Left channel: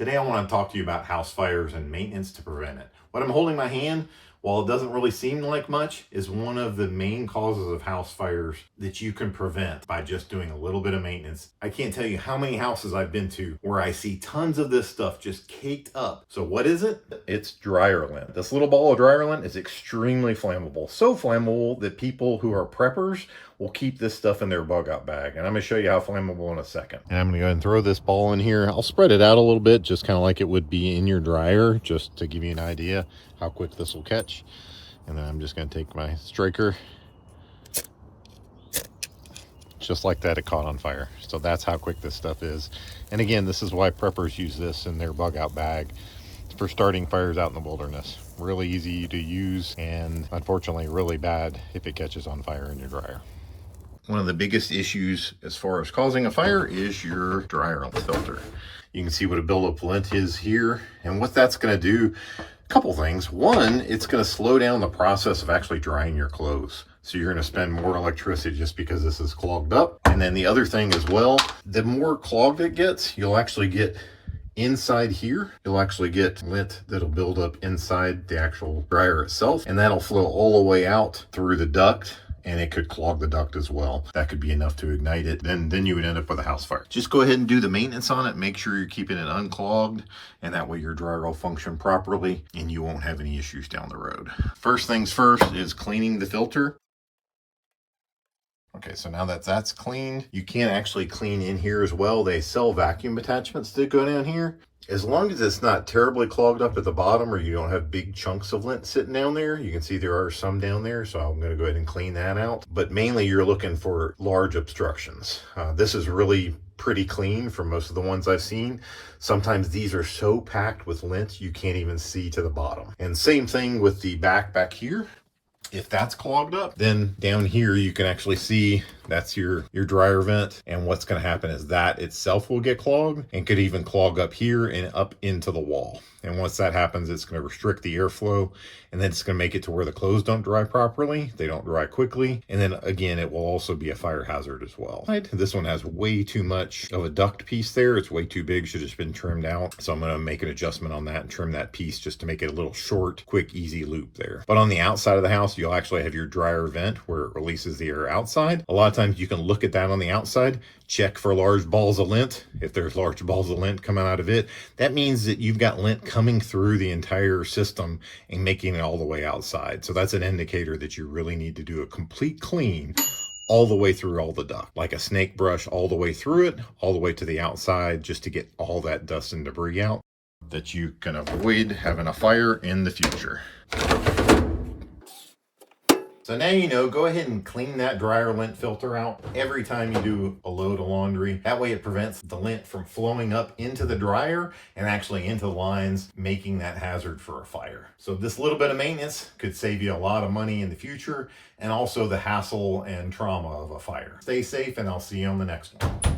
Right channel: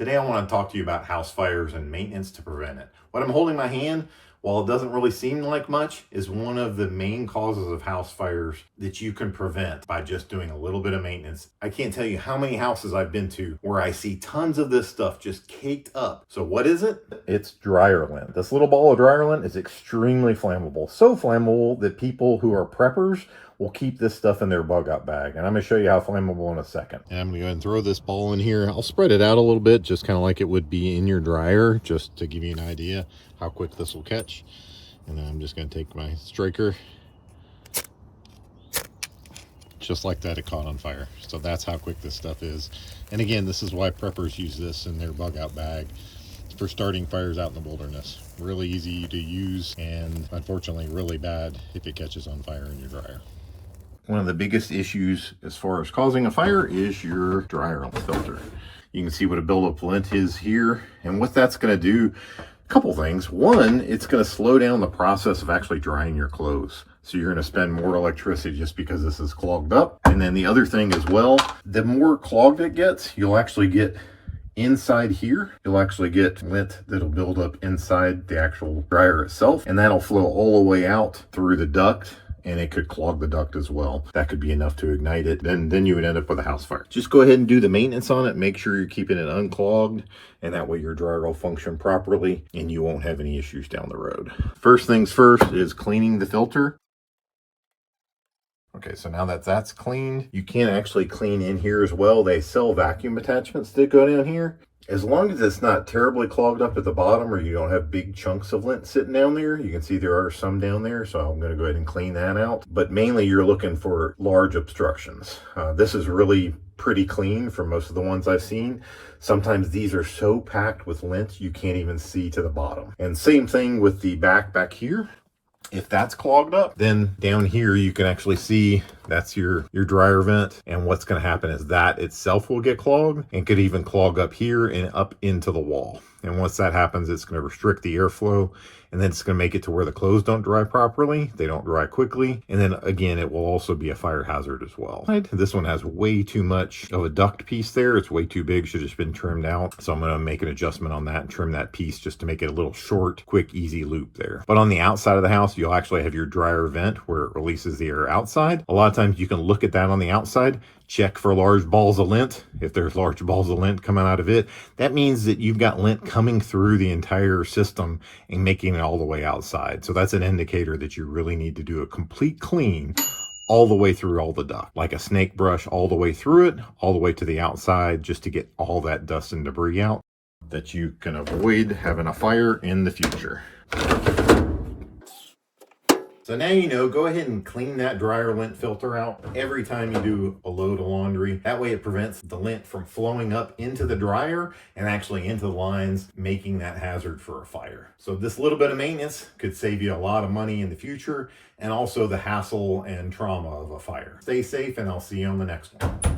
Today I want to talk to you about house fires and maintenance to prevent it. What I'm holding in my hand, while it doesn't really seem like much, is one of the main causes of house fires that you can prevent by just doing a little bit of maintenance. I can't tell you how many houses I've been to where I see tons of this stuff just caked up. So what is it? It's dryer lint. This little ball of dryer lint is extremely flammable. So flammable that people who are preppers will keep this stuff in their bug out bag. And I'm gonna show you how flammable in a second. And I'm gonna go ahead and throw this ball in here. I'll spread it out a little bit, just kind of like it would be in your dryer, just to give you an idea how quick this will catch. And then I'm just gonna take my striker. Just like that, it caught on fire. So that's how quick this stuff is. And again, this is why preppers use this in their bug out bag for starting fires out in the wilderness. Really easy to use, and unfortunately really bad if it catches on fire in your dryer. One of the biggest issues as far as causing a fire is your dryer filter. You can see what a buildup of lint is here, and what that's going to do, a couple things. One, it's going to slow down the process of actually drying your clothes. So you're going to spend more electricity just because this is clogged up. And then the other thing as well, the more clogged it gets, you'll actually get inside here, you'll actually get lint that'll build up inside the actual dryer itself, and that'll flow all the way out through the duct, and it could clog the duct as well. That could be enough to ignite it. Then you would end up with a house fire. Just go ahead and do the maintenance on it. Make sure you're keeping it unclogged, and that way your dryer will function properly and you won't have any issues down the road. First things first is cleaning the filter. Okay, so now that that's cleaned, you can actually clean in here as well. They sell vacuum attachments that go down here. As long as it's not terribly clogged up at the bottom, or you don't have big chunks of lint sitting down there. You can see there are some down there, so I'm going to go ahead and clean that out. But mainly you're looking for large obstructions. This is really pretty clean for most of the ones I've seen. Sometimes these are so packed with lint you can't even see to the bottom. And same thing with the back here. If that's clogged up, then down here you can actually see that's your dryer vent, and what's going to happen is that itself will get clogged and could even clog up here and up into the wall. And once that happens, it's going to restrict the airflow, and then it's going to make it to where the clothes don't dry properly. They don't dry quickly. And then again, it will also be a fire hazard as well. This one has way too much of a duct piece there. It's way too big, should have just been trimmed out. So I'm going to make an adjustment on that and trim that piece just to make it a little short, quick, easy loop there. But on the outside of the house, you'll actually have your dryer vent where it releases the air outside. A lot of times you can look at that on the outside, check for large balls of lint. If there's large balls of lint coming out of it, that means that you've got lint coming through the entire system and making it all the way outside. So that's an indicator that you really need to do a complete clean all the way through all the duct, like a snake brush all the way through it, all the way to the outside, just to get all that dust and debris out, that you can avoid having a fire in the future. So now you know, go ahead and clean that dryer lint filter out every time you do a load of laundry. That way it prevents the lint from flowing up into the dryer and actually into the lines, making that hazard for a fire. So this little bit of maintenance could save you a lot of money in the future, and also the hassle and trauma of a fire. Stay safe, and I'll see you on the next one.